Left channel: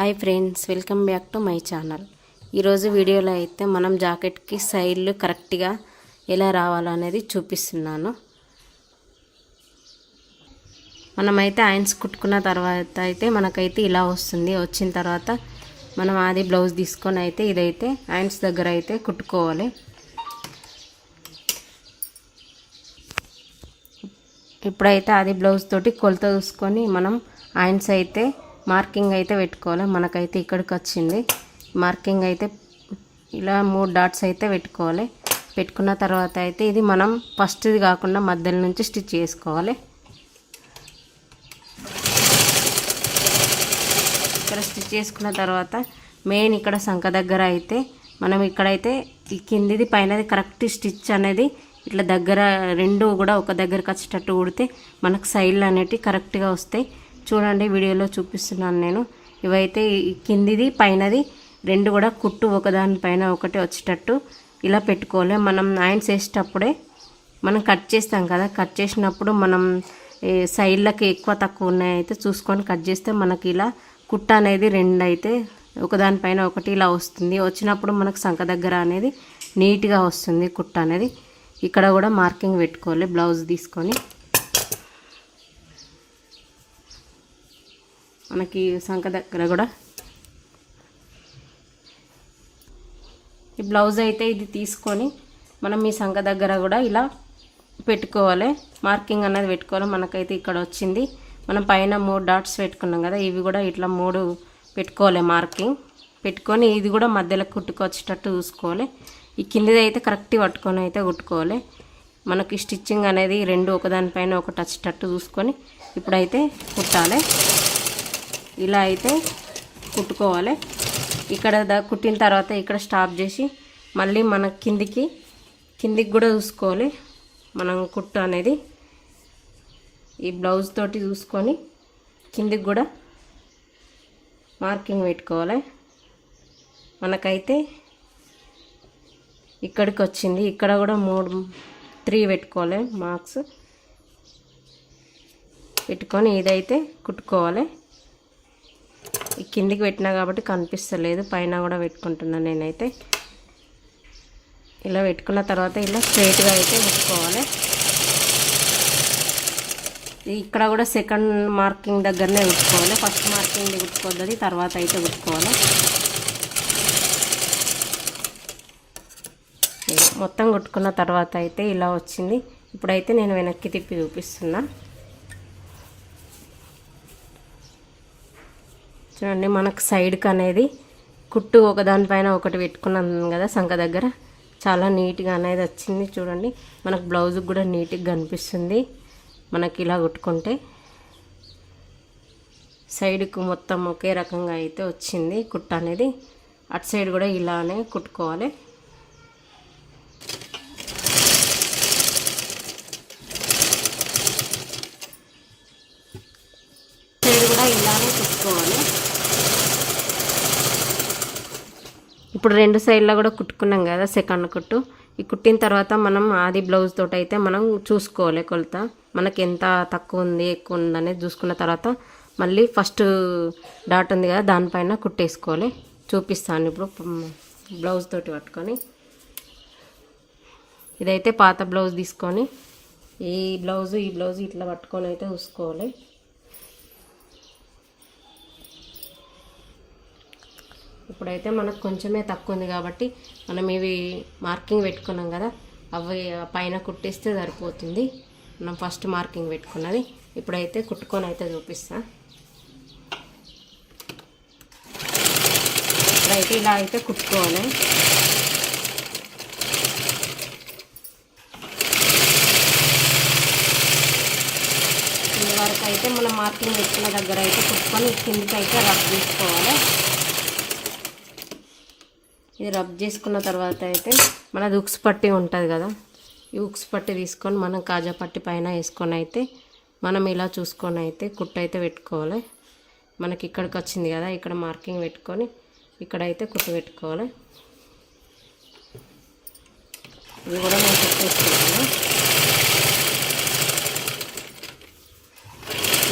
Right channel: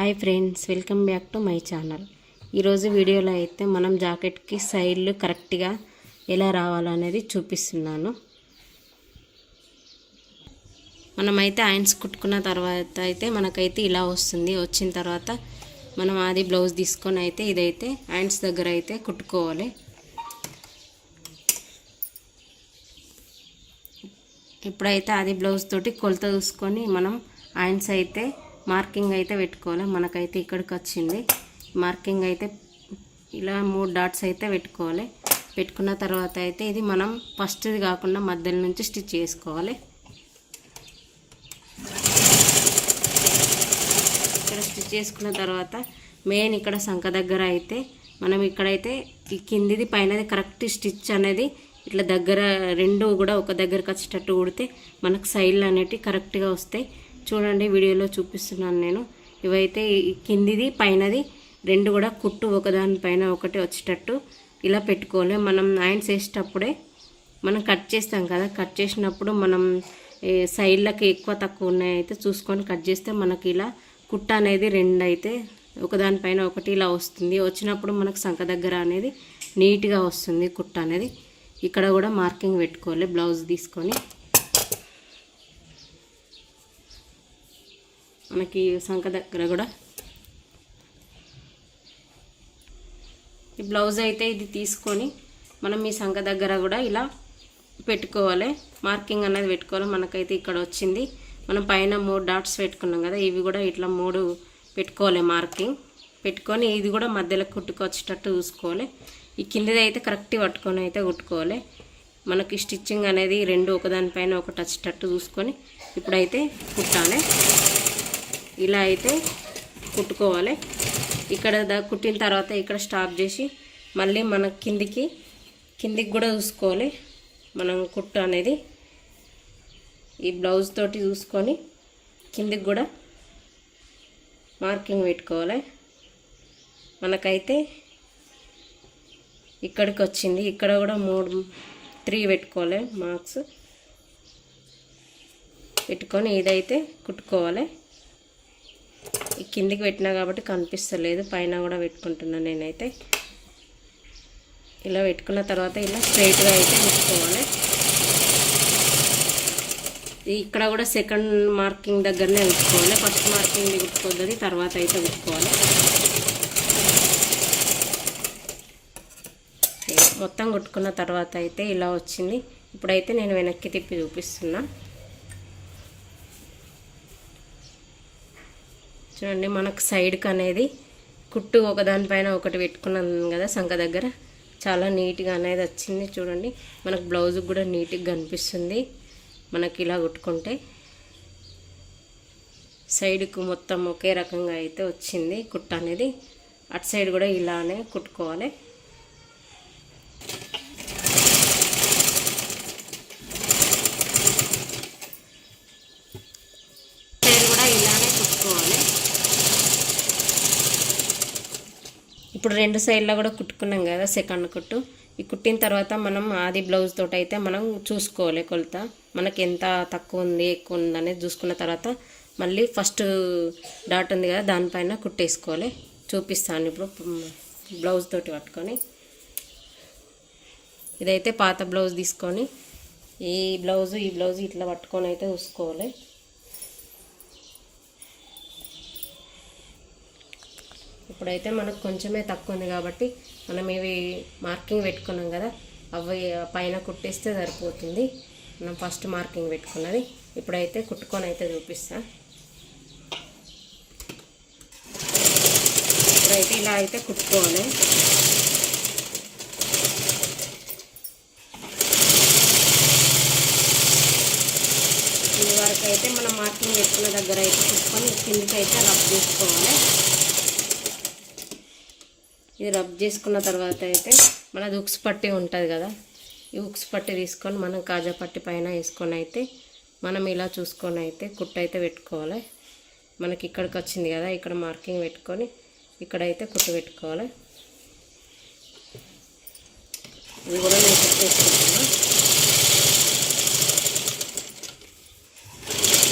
Hi friends welcome back to my channel. ఈరోజు వీడియోలో అయితే మనం జాకెట్కి సైడ్లు కరెక్ట్గా ఎలా రావాలనేది చూపిస్తున్నాను. మనమైతే ఆయన్స్ కుట్టుకున్న తర్వాత అయితే మనకైతే ఇలా వస్తుంది. వచ్చిన తర్వాత మనం అది బ్లౌజ్ తీసుకొని అయితే ఇదైతే ఆయన్స్ దగ్గర అయితే కుట్టుకోవాలి. ఇప్పుడైతే అది బ్లౌజ్ తోటి కొలత చూసుకొని మనం ఆయన్స్ అయితే మార్కింగ్ అయితే పెట్టుకోవాలి. మనకైతే ఇక్కడికి వచ్చింది. మార్కింగ్ అయితే ఇలా మూడు డాట్స్ అయితే పెట్టుకోవాలి. పెట్టుకున్న తర్వాత అయితే ఇది మనం ఫస్ట్ది కాకుండా మధ్యలో నుంచి స్టిచ్ చేసుకోవాలి. ఇక్కడ స్టిచ్ చేసుకున్న తర్వాత మెయిన్ ఇక్కడ సంఖ దగ్గర అయితే మనం ఇక్కడైతే ఈ కిందిది పైనది కరెక్ట్ స్టిచ్ అనేది ఇట్లా దగ్గర రెండు కూడా ఒక దగ్గరకు వచ్చేటట్టు కుడితే మనకు సైడ్లు అనేటివి కరెక్ట్గా వస్తాయి. చూడండి వీడియోలో చూపిస్తున్నాను నేను. ఇవైతే కిందిది పైనది రెండు కూడా కుట్టు ఒకదానిపైన ఒకటి వచ్చేటట్టు ఇలా పెట్టుకోవాలి. మనం ఆయన్స్ వేసేటప్పుడే మనం కట్ చేస్తాం కదా కట్ చేసినప్పుడు మనం సైడ్లకు సైడ్లకి ఎక్కువ తక్కువ ఉన్నాయి అయితే చూసుకొని కట్ చేస్తే మనకి ఇలా కుట్ట అనేది రెండు అయితే ఒకదానిపైన ఒకటి ఇలా వస్తుంది. వచ్చినప్పుడు మనకు సంఖ దగ్గర అనేది నీట్గా వస్తుంది కుట్ట అనేది. ఇక్కడ కూడా మార్కింగ్ పెట్టుకోవాలి బ్లౌజ్ తీసుకొని. మనకి సంఖ దగ్గర కూడా. ఈ బ్లౌజ్ అయితే ఇది తీసుకొని మనం ఈ సంఖ దగ్గర కూడా ఇలా పెట్టుకోవాలి. మార్కింగ్ అనేది పెట్టుకోవాలి. మనకైతే ఇక్కడ వచ్చింది. మనం పైన మూడు డాట్స్ పెట్టుకున్నాం కదా ఇవి కూడా ఇట్లా మూడు పెట్టుకోవాలి మార్కింగ్. పెట్టుకొని ఇది కూడా మధ్యలో కుట్టుకొచ్చేటట్టు చూసుకోవాలి. ఈ కిందది అయితే కరెక్ట్ పట్టుకొని అయితే కుట్టుకోవాలి. మనకి స్టిచ్చింగ్ అనేది రెండు ఒకదానిపైన ఒకటి వచ్చేటట్టు చూసుకొని ఇప్పుడైతే కుట్టాలి. ఇలా అయితే కుట్టుకోవాలి. ఇక్కడ కుట్టిన తర్వాత ఇక్కడ స్టాప్ చేసి మళ్ళీ మన కిందికి కిందికి కూడా చూసుకోవాలి. మనం కుట్టు అనేది ఈ బ్లౌజ్ తోటి చూసుకొని కిందికి కూడా మార్కింగ్ పెట్టుకోవాలి. మనకైతే ఇక్కడికి వచ్చింది. ఇక్కడ కూడా మూడు త్రీ పెట్టుకోవాలి మార్క్స్. పెట్టుకొని ఇదైతే కుట్టుకోవాలి. కిందికి పెట్టినా కాబట్టి కనిపిస్తలేదు. పైన కూడా పెట్టుకుంటున్నాను నేనైతే. ఇలా పెట్టుకున్న తర్వాత ఇలా స్ట్రైట్గా అయితే ఉంచుకోవాలి. ఇక్కడ కూడా సెకండ్ మార్కింగ్ దగ్గరనే ఉంచుకోవాలి. ఫస్ట్ మార్కింగ్ పెట్టుకోవాలి తర్వాత అయితే ఉంచుకోవాలి మొత్తం కొట్టుకున్న తర్వాత అయితే ఇలా వచ్చింది. ఇప్పుడైతే నేను వెనక్కి తిప్పి చూపిస్తున్నా. చూడండి మనకు సైడ్కి అనేది కుట్టు ఒకదానిపైన ఒకటి పెట్టుకున్నాను కదా సంఖ దగ్గర. చాలా నీట్గా అనేది వచ్చింది చూడండి. మనకు బ్లౌజ్కి కూడా నీట్గా కనిపిస్తుంది. మనకి ఇలా కుట్టుకుంటే సైడ్కు మొత్తం ఒకే రకంగా అయితే వచ్చింది కుట్ట అనేది. అటు సైడ్ కూడా ఇలానే కుట్టుకోవాలి సైడ్ కూడా ఇలానే కుట్టుకోవాలి ఇప్పుడు రెండు సైడ్లో కూడా కుట్టుకున్నాం కదా సెకండ్ కుట్టు. ఈ కుట్టిన తర్వాత మనం ఆది బ్లౌజ్ తోటి అయితే మనం చూసుకోవాలి కొలత. మనకి ఎంత తక్కువ ఉంది ఎక్కువ ఉంది అనేది చూసుకున్న తర్వాత మళ్ళీ ఫస్ట్ డాట్ ఉంది కదా దానిపైన కుట్టేసుకోవాలి. చూపిస్తాను ఇప్పుడు బ్లౌజ్ తోటి పట్టుకొని. ఇదైతే పాత బ్లౌజ్ తీసుకొని ఈ బ్లౌజ్ ఈ బ్లౌజ్ ఇట్లా పట్టుకొని అయితే చూసుకోవాలి. ఇప్పుడైతే మనకు కొంచెమే తక్కువ ఉంది కాబట్టి మనం ఇవి మార్కింగ్ పెట్టుకున్నాం కదా అవి పైన కుట్టిస్తే సరిపోతుంది. మనం ఫస్ట్ మార్కింగ్ పెట్టుకున్నది ఇప్పుడైతే కుట్టుకొని అయితే చూపిస్తా. ఇప్పుడైతే ఇలా అయితే కుట్టుకోవాలి. ఇంతవరకు అయితే మనం మార్కింగ్ పెట్టుకున్న దగ్గర అయితే కుట్టుకొని కిందికి అయితే రబ్ చేసుకోవాలి. ఇది రబ్ చేసుకున్న తర్వాత అయితే మనది ఉక్స్ పట్టి ఉంటుంది కదా. ఈ ఉక్స్ పట్టి తీసుకొని మనం కాజా పట్టి పైన వేసుకొని అయితే మనం ఇలా చూసుకొని అయితే కుట్టు అయితే పెట్టుకోవాలి. మనకి ఇక్కడికి వచ్చింది కదా ఇక్కడ మార్కింగ్ పెట్టుకొని ఇక్కడైతే కుట్టు పెట్టుకోవాలి. ఇది కూడా నేను కుట్టేసుకుంటాను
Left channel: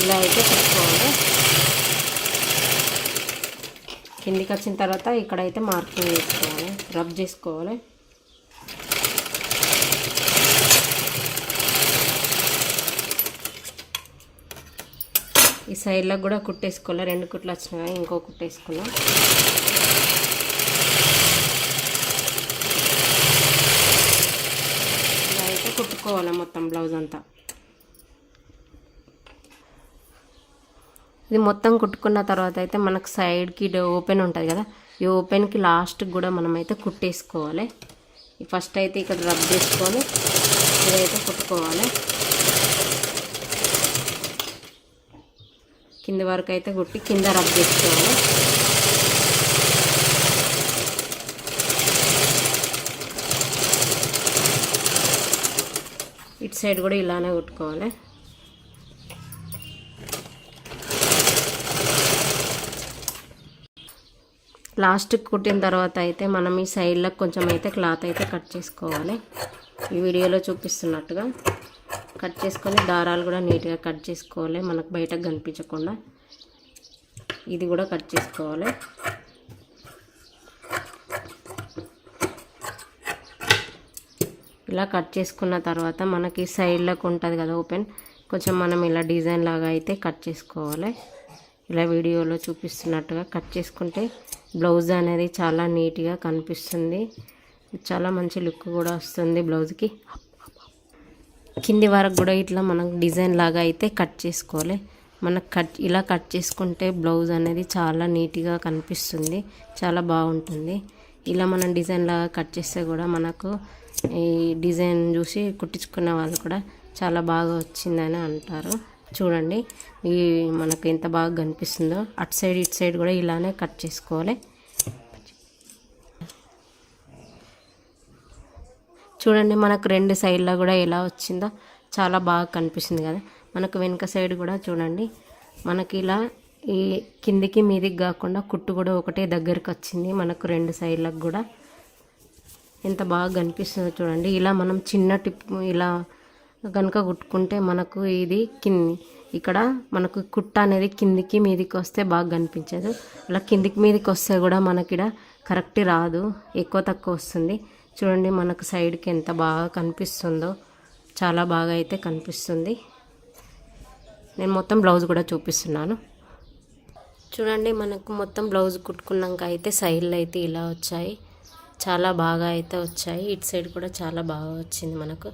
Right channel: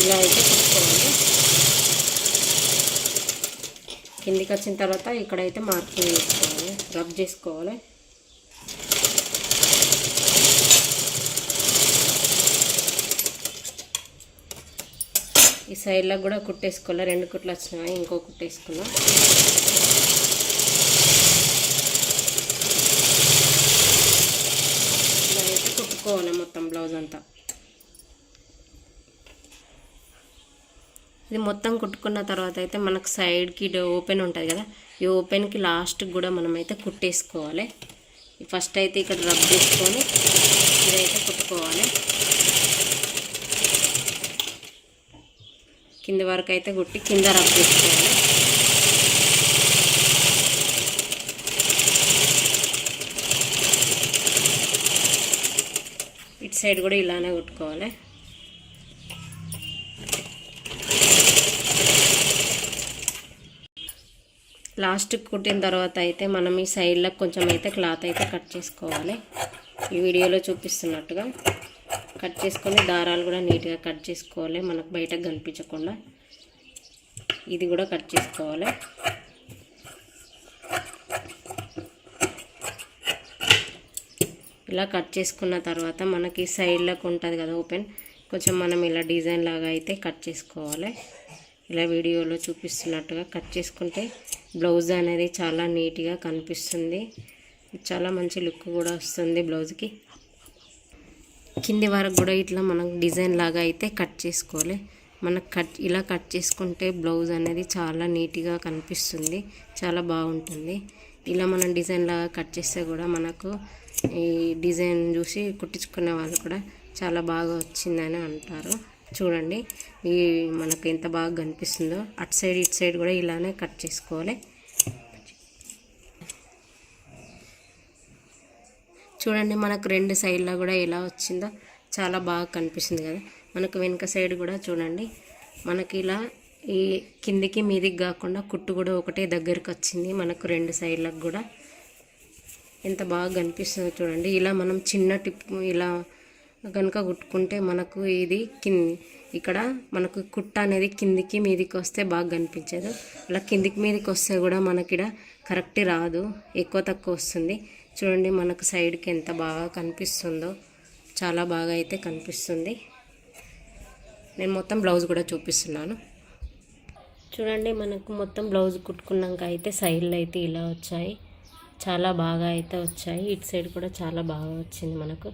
ఇలా అయితే పెట్టుకోవాలి కిందికి వచ్చిన తర్వాత ఇక్కడైతే మార్కింగ్ చేసుకోవాలి. రబ్ చేసుకోవాలి. ఈ సైడ్లో కూడా కుట్టేసుకోవాలి. రెండు కుట్లు వచ్చినాయి. ఇంకో కుట్టేసుకున్నాం ఇలా అయితే కుట్టుకోవాలి మొత్తం బ్లౌజ్ అంతా ఇది మొత్తం కుట్టుకున్న తర్వాత అయితే మనకు సైడ్కి ఓపెన్ ఉంటుంది కదా ఈ ఓపెన్కి లాస్ట్కి కూడా మనమైతే కుట్టేసుకోవాలి. ఫస్ట్ అయితే ఇక్కడ రబ్ చేసుకొని ఇదైతే కుట్టుకోవాలి. కింది వరకు అయితే కుట్టి కింద రబ్ చేసుకోవాలి. ఇటు సైడ్ కూడా ఇలానే కుట్టుకోవాలి. లాస్ట్కి కుట్టిన తర్వాత అయితే మనం ఈ సైడ్లో కొంచెం అయితే క్లాత్ అయితే కట్ చేసుకోవాలి. ఈ వీడియోలో చూపిస్తున్నట్టుగా కట్ చేసుకొని దారాలు కూడా నీట్గా కట్ చేసుకోవాలి. మనకు బయటకు కనిపించకుండా ఇది కూడా కట్ చేసుకోవాలి. ఇలా కట్ చేసుకున్న తర్వాత మనకి సైడ్లోకి ఉంటుంది కదా ఓపెన్ కొంచెం మనం ఇలా డిజైన్ లాగా అయితే కట్ చేసుకోవాలి. ఇలా వీడియోలో చూపిస్తున్నట్టుగా కట్ చేసుకుంటే బ్లౌజ్ అనేది చాలా నీట్గా కనిపిస్తుంది. చాలా మంచి లుక్ కూడా వస్తుంది బ్లౌజ్కి. కింది వరకు కూడా ఇట్లా మనం డిజైన్ లాగా అయితే కట్ చేసుకోవాలి. మనకు కట్ ఇలా కట్ చేసుకుంటే బ్లౌజ్ అనేది చాలా నీట్గా కనిపిస్తుంది. చాలా బాగుంటుంది. ఇలా మనం డిజైన్ లాగా కట్ చేస్తే కూడా మనకు ఈ డిజైన్ చూసి కుట్టించుకునే వాళ్ళు కూడా చాలా బాగా వచ్చిందని అంటారు. చూడండి. ఈ మనకు ఎంత బాగా కనిపిస్తుందో అటు సైడ్ ఇటు సైడ్ కూడా ఇలానే కట్ చేసుకోవాలి. చూడండి మనకు రెండు సైడ్లో కూడా ఎలా వచ్చిందో చాలా బాగా కనిపిస్తుంది కదా. మనకు వెనుక సైడ్ కూడా చూడండి మనకి ఇలా ఈ కిందికి మీదికి కాకుండా కుట్టు కూడా ఒకటే దగ్గరికి వచ్చింది. మనకు రెండు సైడ్లకు కూడా ఎంత బాగా కనిపిస్తుందో చూడండి. ఇలా మనం చిన్న టిప్ ఇలా కనుక కుట్టుకుంటే మనకు ఇది కింది ఇక్కడ మనకు కుట్ట అనేది కిందికి మీదికి వస్తే బాగా కనిపించదు. అలా కిందికి మీదికి వస్తే కూడా మనకి ఇక్కడ కరెక్ట్ రాదు. ఎక్కువ తక్కువ వస్తుంది. చూడండి మనకు సైడ్కి ఎంత బాగా కనిపిస్తుందో. చాలా బాగా అయితే కనిపిస్తుంది. నేను మొత్తం బ్లౌజ్ కూడా చూపిస్తున్నాను. చూడండి మనకు మొత్తం బ్లౌజ్ కుట్టుకున్నాక అయితే సైడ్లు అయితే ఇలా వచ్చాయి. చాలా బాగా అయితే వచ్చాయి. ఇటు సైడ్ కూడా చాలా బాగా వచ్చింది మనకు.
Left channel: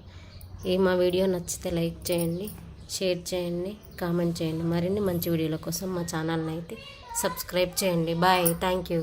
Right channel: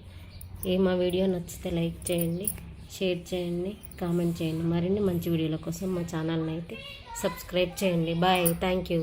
ఈ మా వీడియో నచ్చితే లైక్ చేయండి షేర్ చేయండి. కామెంట్ చేయండి. మరిన్ని మంచి వీడియోల కోసం మా ఛానల్ని అయితే సబ్స్క్రైబ్ చేయండి. బాయ్. Thank you.